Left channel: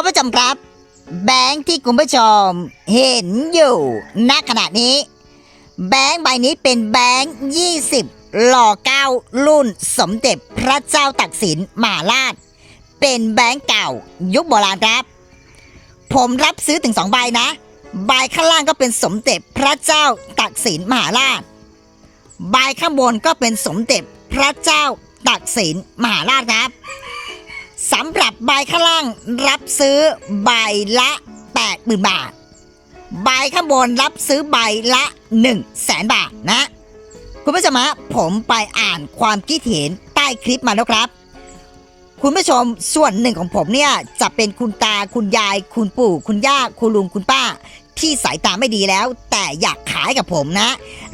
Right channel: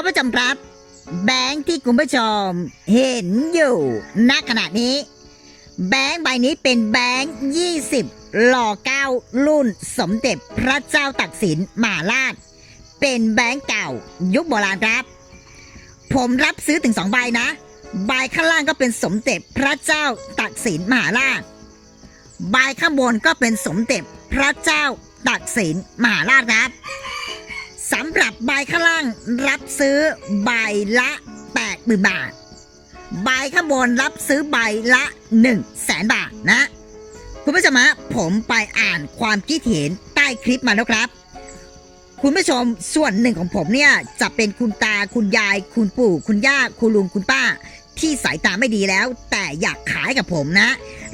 คุณผู้ชมครับ แบงค์ที่คุณผู้ชมเห็นอยู่ณขณะนี้ แบงค์ใบนี้เป็นแบงค์20หล่อเก้ารุ่นสมเด็จพระเจ้าตักสินมหาราช เป็นแบงค์เก่า ยุคโบราณครับ ผมรับซื้อถึงสองใบนะ ใบข้างล่างก็เป็นสมเด็จพระเจ้าตักสินมหาราช ใบข้างบนก็เป็นสมเด็จพระเจ้าตักสินมหาราชครับ สำหรับใบข้างล่างรับซื้อใบละ8 0 0 0 0บาท ใบข้างบนรับซื้อใบละ1 0 0 0 0แสนบาทนะ คุณผู้ชมฮะผมไปอ่านความคิดเห็นใต้คลิปมาแล้วครับ คุณผู้ชมส่วนหนึ่งของผมเนี่ยจะเป็นคุณตาคุณยาย คุณปู่ คุณย่า คุณลุงคุณป้า ที่สายตาไม่ดีแล้ว แต่อยากขายกับผมนะ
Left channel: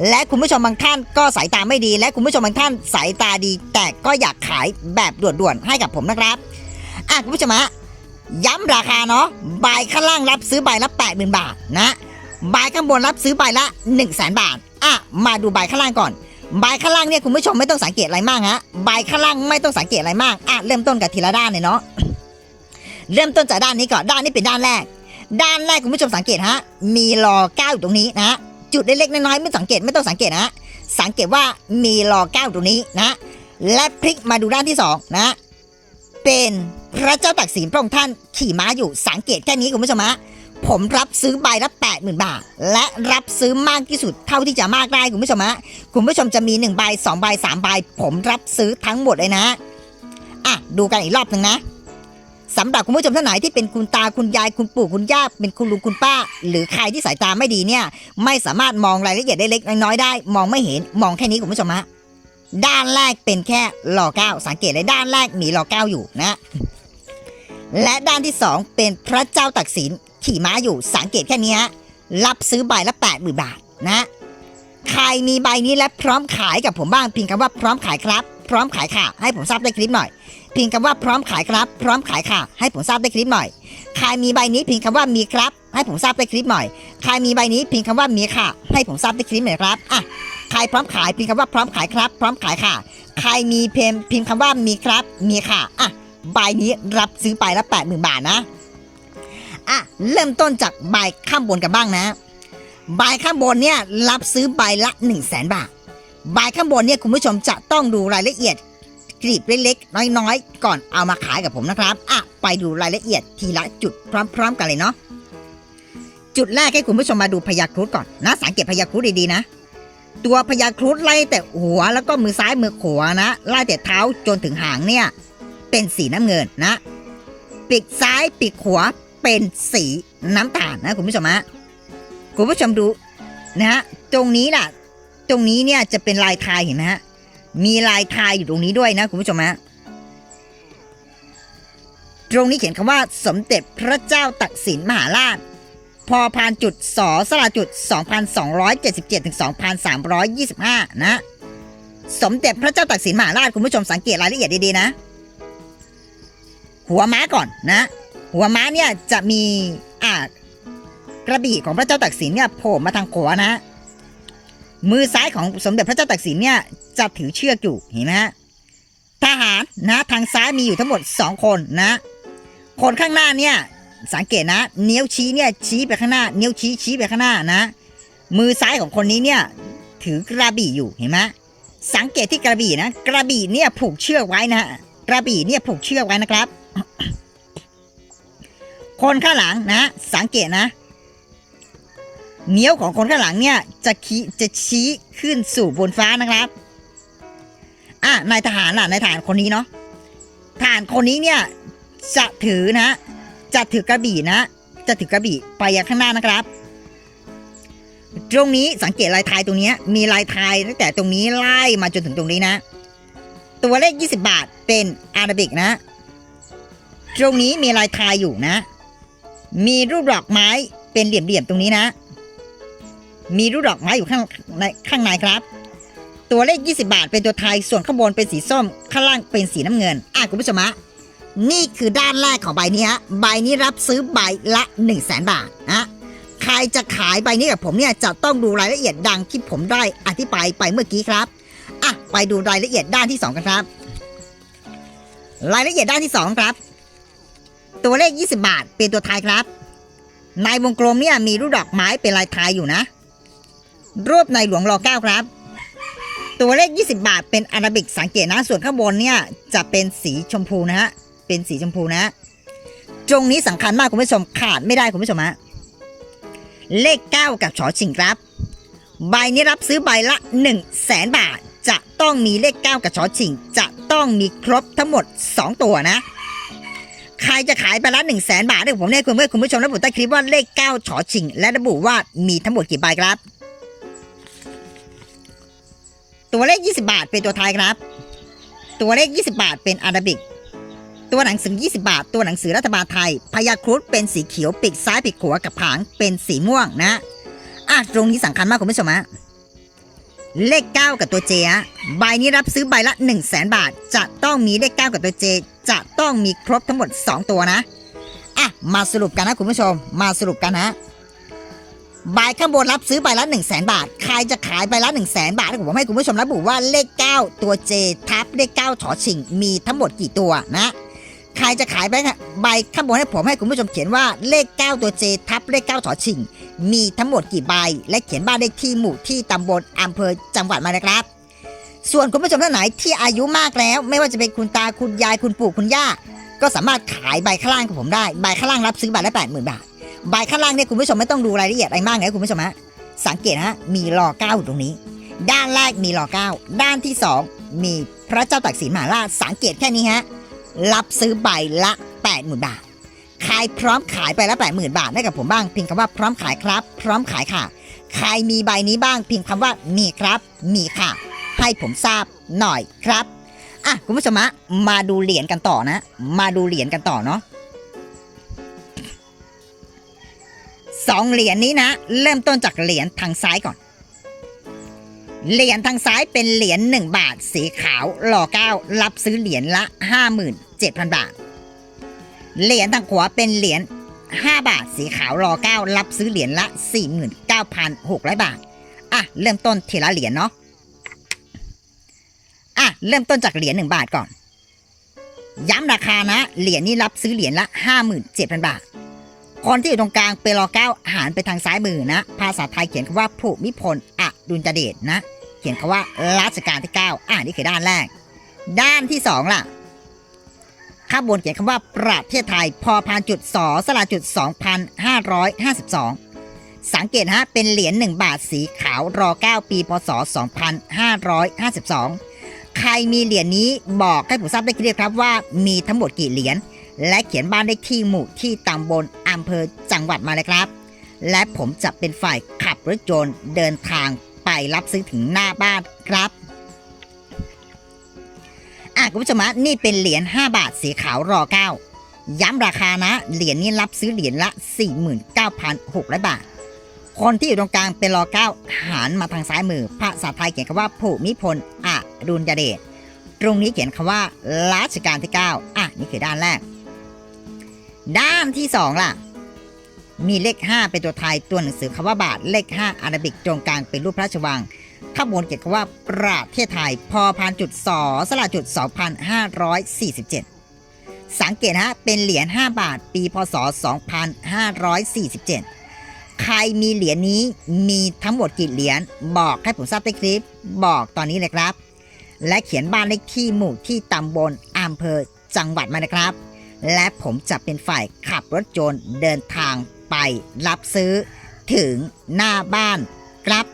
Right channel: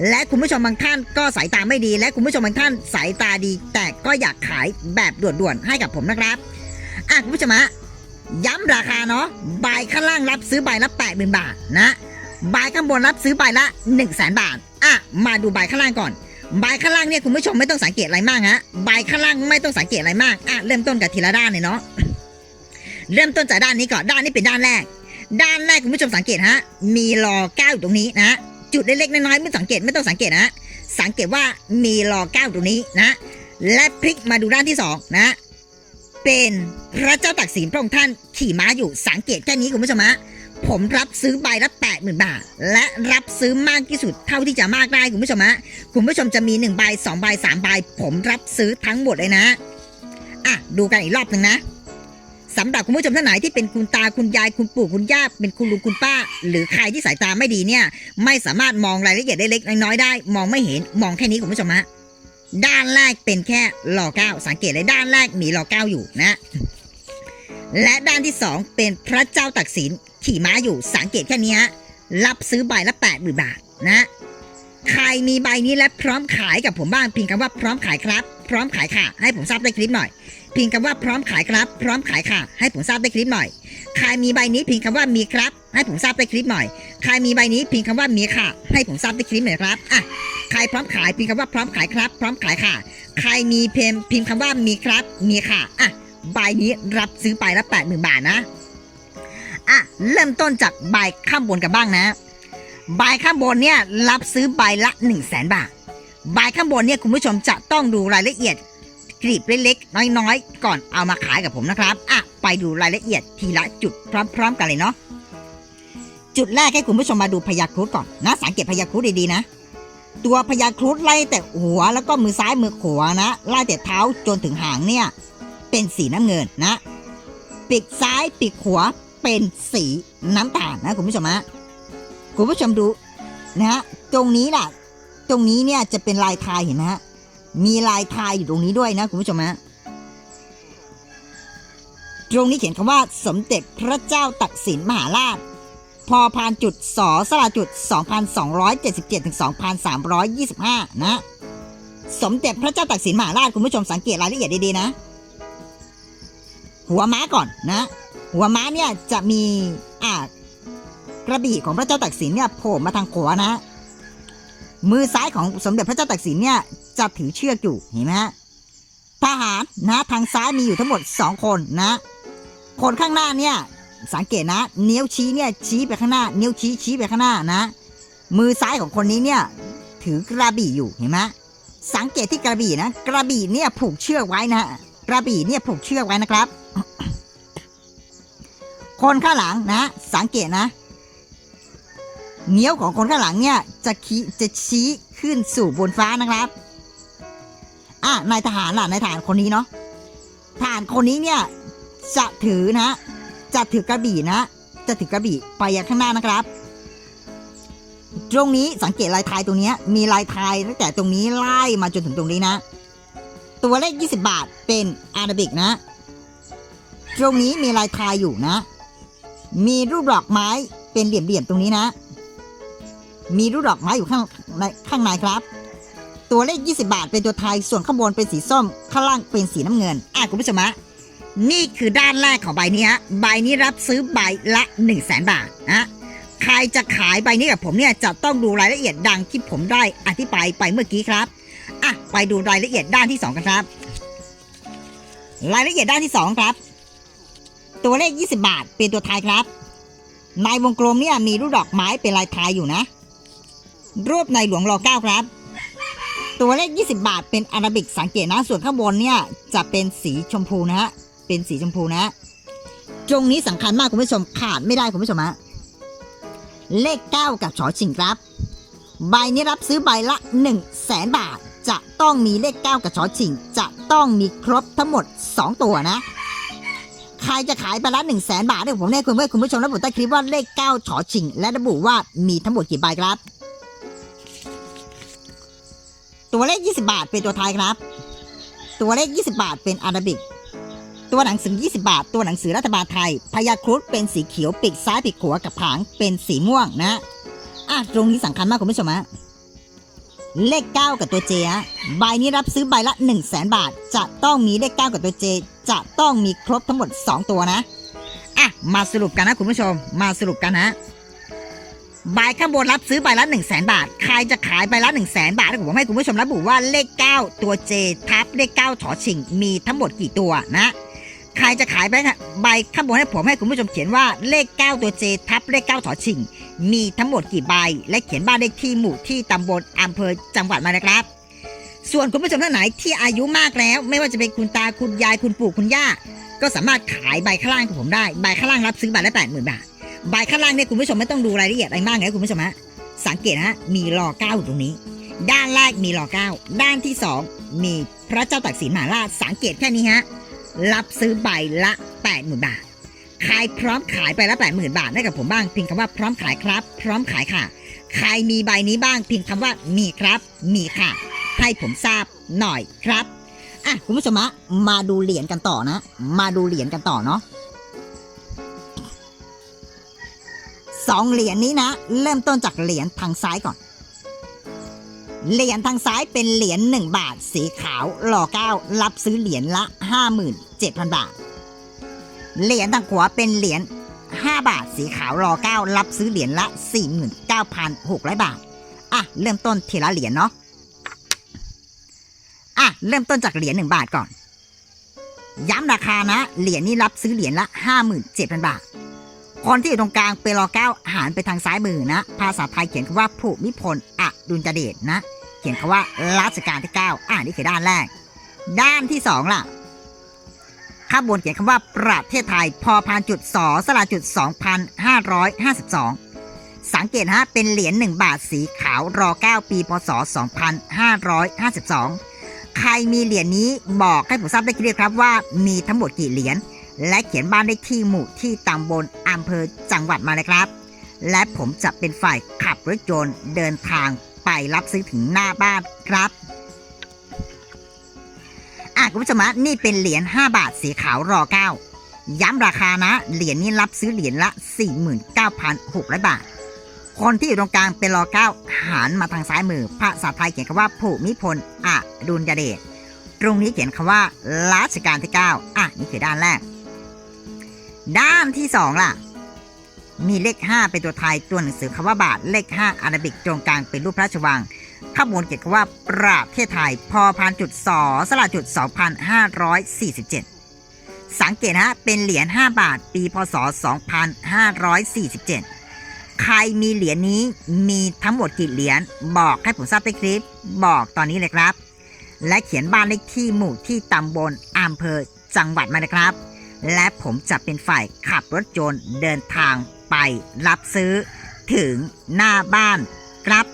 และคุณผู้ชมบางท่านก็สายตาไม่ดี และคุณผู้ชมบางท่านสายตาดี แต่ก็อยากขายแบบด่วนๆให้กับผมนะครับ อะคุณผู้ชมฮะย้ำราคาเนาะใบข้างล่างรับซื้อใบละ 8 0,000 บาทนะใบข้างบนรับซื้อใบละ1 0 0 0 0แบาท อะ มาดูใบข้างล่างก่อน ใบข้างล่างเนี่ยคุณผู้ชมไม่ต้องสังเกตอะไรมากฮะ ใบข้างล่างไม่ต้องสังเกตอะไรมาก อะ เริ่มต้นกับทีละด้านเลยเนาะ เริ่มต้นจากด้านนี้ก่อน ด้านนี้เป็นด้านแรก ด้านแรกคุณผู้ชมสังเกตฮะ มีรอเก้าอยู่ตรงนี้นะ จุดเล็กๆน้อยๆไม่สังเกตไม่ต้องสังเกตนะ สังเกตว่ามีรอเก้าตรงนี้นะ และพลิกมาดูด้านที่สองนะ เป็นพระเจ้าตักสินพระองค์ท่านขี่ม้าอยู่สังเกตแค่นี้คุณผู้ชมฮะผมรับซื้อใบละแปดหมื่นบาท และรับซื้อมากที่สุดเท่าที่จะมากได้คุณผู้ชมฮะคุณผู้ชมจะมีหนึ่งใบสองใบสามใบผมรับซื้อทั้งหมดเลยนะอะดูกันอีกรอบหนึ่งนะสำหรับคุณผู้ชมท่านไหนที่เป็นคุณตาคุณยายคุณปู่คุณย่าเป็นคุณลุงคุณป้า หรือใครที่สายตาไม่ดีเนี่ย ไม่สามารถมองรายละเอียดได้เล็กน้อยได้ มองไม่เห็นมองแค่นี้คุณผู้ชมฮะ ด้านแรกเป็นแค่หล่อเก้าสังเกตเลยด้านแรกมีหล่อเก้าอยู่นะ และด้านที่สองเป็นพระเจ้าตักสินขี่ม้าอยู่สังเกตแค่นี้ฮะรับซื้อใบละแปดหมื่นบาทนะใครมีใบนี้และพร้อมขายกับผมบ้างเพียงคำว่าพร้อมขายครับ พร้อมขายค่ะ ให้ผมทราบได้คลิปหน่อยเพียงคำว่าพร้อมขายครับ พร้อมขายค่ะ ให้ผมทราบได้คลิปหน่อยใครมีใบนี้เพียงคำว่ามีครับ ให้ผมทราบได้คลิปหน่อยใครมีใบนี้เพียงคำว่ามีค่ะ ให้ผมทราบได้คลิปหน่อยครับอะ ใครพร้อมขายเพียงคำว่าพร้อมขายครับ พร้อมขายค่ะ ใครมีเพมพิมพ์คำว่ามีครับมีค่ะอะใบนี้รับซื้อไปละแปดหมื่นบาทนะอะเริ่มต้นจากใบข้างบนกันบ้างนะใบข้างบนเนี่ยรับซื้อใบละ1 0 0 0 0แสนบาทใบข้างบนเนี่ยคุณผู้ชมจะต้องดูรายละเอียดกลีบเล็กๆน้อยๆ ก่อนเอามาขายกับผมนะครับอะไปดูรายละเอียดทีละจุดพร้อม ๆ กันเลยเนาะจุดแรกให้คุณผู้ชมมาดูพญาครุฑก่อนนะสังเกตพญาครุฑดีๆนะ ตัวพญาครุฑไล่แต่หัวแล้วก็มือซ้ายมือขวานะไล่แต่เท้าจนถึงหางเนี่ย เป็นสีน้ำเงินนะปีกซ้ายปีกขวาเป็นสีน้ำตาลนะคุณผู้ชมฮะคุณผู้ชมดูนะฮะตรงนี้ล่ะตรงนี้เนี่ยจะเป็นลายทายเห็นไหมฮะมีลายทายอยู่ตรงนี้ด้วยนะคุณผู้ชมฮะตรงนี้เขียนคำว่าสมเด็จพระเจ้าตักสินมหาราช พอพานจุดสอสลาจุด 2,277ถึง2,325 นะ สมเด็จพระเจ้าตักสินมหาราชคุณผู้ชมสังเกตรายละเอียดดีๆนะ หัวม้าก่อนนะ หัวม้าเนี่ยจะมีอ่ากระบี่ของพระเจ้าตักสินเนี่ยโผล่มาทางขวานะ มือซ้ายของสมเด็จพระเจ้าตักสินเนี่ยจะถือเชือกอยู่เห็นไหมฮะทหารนะทางซ้ายมีอยู่ทั้งหมดสองคนนะ คนข้างหน้าเนี่ย สังเกตนะนิ้วชี้เนี่ยชี้ไปข้างหน้านิ้วชี้ชี้ไปข้างหน้านะ มือซ้ายของคนนี้เนี่ยถือกระบี่อยู่เห็นไหมสังเกตที่กระบี่นะ กระบี่เนี่ยผูกเชือกไว้นะฮะกระบี่เนี่ยผูกเชือกไว้นะครับ คนข้างหลังนะ สังเกตนะเนี้ยวของคนข้างหลังเนี่ยจะขีจะชี้ขึ้นสู่บนฟ้านะครับอะนายทหารล่ะนายทหารคนนี้เนาะทหารคนนี้เนี่ยจะถือนะ จะถือกระบี่นะ จะถือกระบี่ไปยังข้างหน้านะครับ ตรงนี้สังเกตลายทายตรงนี้มีลายทายตั้งแต่ตรงนี้ไล่มาจนถึงตรงนี้นะ ตัวเลข 20 บาทเป็นอาราบิกนะ ตรงนี้มีลายทายอยู่นะ มีรูปดอกไม้เป็นเหลี่ยมๆตรงนี้นะ มีรูปดอกไม้อยู่ข้างในข้างในครับตัวเลข 20 บาท เป็นตัวไทย ส่วนข้างบนเป็นสีส้ม ข้างล่างเป็นสีน้ำเงิน อะ คุณผู้ชมะ นี่คือด้านแรกของใบนี้ฮะ ใบนี้รับซื้อใบละ 1 0 0 0 0แสนบาทนะใครจะขายใบนี้กับผมเนี่ยจะต้องดูรายละเอียดดังที่ผมได้อธิบายไปเมื่อกี้ครับ อะ ไปดูรายละเอียดด้านที่สองกันครับ รายละเอียดด้านที่สองครับ ตัวเลข 20 บาท เป็นตัวไทายครับ ในวงกลมเนี่ยมีรูปดอกไม้เป็นลายไทยอยู่นะ รูปในหลวงรอเก้าครับ ตัวเลข 20 บาท เป็นอาราบิกสังเกตนะ ส่วนข้างบนเนี่ยจะเป็นสีชมพูนะฮะ เป็นสีชมพูนะ ตรงนี้สำคัญมากคุณผู้ชมขาดไม่ได้คุณผู้ชมฮะเลข 9 กับชอชิงครับ ใบนี้รับซื้อใบละ1 0 0 0 0แสนบาท จะต้องมีเลข 9 กับชอชิง จะต้องมีครบทั้งหมด 2 ตัวนะ ใครจะขายใบละ1 0 0 0 0แสนบาทเนี่ยผมให้คุณเพื่อนคุณผู้ชมระบุใต้คลิปว่าเลข9ชอชิง และระบุว่ามีทั้งหมดกี่ใบครับ ตัวเลข 20 บาทเป็นตัวไทายครับ ตัวเลข 20 บาทเป็นอาราบิก ตัวหนังสือ 20 บาท ตัวหนังสือรัฐบาลไทยพยาครุฑเป็นสีเขียวปีกซ้ายปีกขวากับผางเป็นสีม่วงนะอะตรงนี้สำคัญมากคุณผู้ชมฮะเลข 9 กับตัวเจฮะใบนี้รับซื้อใบละ 1 0 0 0 0แสนบาท จะต้องมีเลข 9 กับตัวเจ จะต้องมีครบทั้งหมด 2 ตัวนะอะมาสรุปกันนะคุณผู้ชม มาสรุปกันนะใบข้างบนรับซื้อใบละ 1 0 0 0 0แสนบาท ใครจะขายใบละ 1 0 0 0 0แสนบาทผมให้คุณผู้ชมระบุว่าเลข 9 ตัวเจทับเลข 9 ถอชิง มีทั้งหมดกี่ตัวนะ ใครจะขายใบใบข้างบนให้ผมให้คุณผู้ชมเขียนว่าเลข 9 ตัวเจทับเลข 9ถอชิง มีทั้งหมดกี่ใบ และเขียนบ้านเลขที่หมู่ที่ตำบลอำเภอจังหวัดมานะครับ ส่วนคุณผู้ชมท่านไหนที่อายุมากแล้ว ไม่ว่าจะเป็นคุณตาคุณยายคุณปู่คุณย่า ก็สามารถขายใบข้างล่างของผมได้ใบข้างล่างรับซื้อใบละแปดหมื่นบาทใบข้างล่างเนี่ยคุณผู้ชมไม่ต้องดูรายละเอียดอะไรมากนะคุณผู้ชมฮะสังเกตนะฮะมีรอเก้าอยู่ตรงนี้ ด้านแรกมีรอเก้าด้านที่สองมีพระเจ้าตากสินมหาราชสังเกตแค่นี้ฮะ รับซื้อใบละแปดหมื่นบาทใครพร้อมขายไปละแปดหมื่นบาทให้กับผมบ้างเพียงคำว่าพร้อมขายครับ พร้อมขายค่ะ ใครมีใบนี้บ้างเพียงคำว่ามีครับ มีค่ะ ให้ผมทราบหน่อยครับอะคุณผู้ชมมาดูเหรียญกันต่อนะ มาดูเหรียญกันต่อเนาะสองเหรียญนี้นะ เริ่มต้นจากเหรียญทางซ้ายก่อน เหรียญทางซ้ายเป็นเหรียญหนึ่งบาท สีขาวหล่อเก้ารับซื้อเหรียญละห้าหมื่นเจ็ดพันบาท เหรียญทางขวาเป็นเหรียญ5บาท สีขาวรอเก้ารับซื้อเหรียญละ 49,600 บาท อะ เริ่มต้นทีละเหรียญเนาะ อะ เริ่มต้นจากเหรียญ1บาทก่อน ย้ำราคานะ เหรียญนี้รับซื้อเหรียญละ 57,000 บาท คนที่อยู่ตรงกลางเป็นรอเก้าหารไปทางซ้ายมือนะ ภาษาไทยเขียนว่าภูมิพลอ ดุลยเดชนะ เขียนคำว่ารัชกาลที่ 9 อะนี่คือด้านแรก ด้านที่สองล่ะข้างบนเขียนคำว่าประเทศไทยพอพานจุดสอสลาจุด 2,552 สังเกตฮะเป็นเหรียญ1บาทสีขาวรอ 9 ปีพศ 2552 ใครมีเหรียญนี้บอกให้ผมทราบได้เรียครับว่ามีทั้งหมดกี่เหรียญและเขียนบ้านเลขที่หมู่ที่ตำบลอำเภอจังหวัดมาเลยครับ และผมจะเป็นฝ่ายขับรถยนต์เดินทาง ไปรับซื้อถึงหน้าบ้านครับอะคุณผู้ชมะนี่เป็นเหรียญ5บาทสีขาวรอเก้าย้ำราคานะ เหรียญนี้รับซื้อเหรียญละ 49,600 บาท คนที่อยู่ตรงกลางเป็นรอเก้าหันมาทางซ้ายมือภาษาไทยเขียนคำว่าภูมิพลอดุลยเดชตรงนี้เขียนคำว่ารัชกาลที่ 9 อะ นี่คือด้านแรก ด้านที่ 2 ล่ะ มีเลข 5 เป็นตัวไทยตัวหนังสือคำว่าบาทเลข 5 อาราบิกตรงกลางเป็นรูปพระราชวังข้างบนเขียนคำว่าประเทศไทยพอพานจุดสอสลาจุด 2,547 สังเกตฮะเป็นเหรียญ5บาท ปีพศ 2547 ใครมีเหรียญนี้มีทั้งหมดกี่เหรียญบอกให้ผมทราบในคลิป บอกตอนนี้เลยครับ และเขียนบ้านเลขที่หมู่ที่ตำบลอำเภอจังหวัดมานะครับ และผมจะเป็นฝ่ายขับรถยนต์เดินทาง ไปรับซื้อ ถึงหน้าบ้านครับ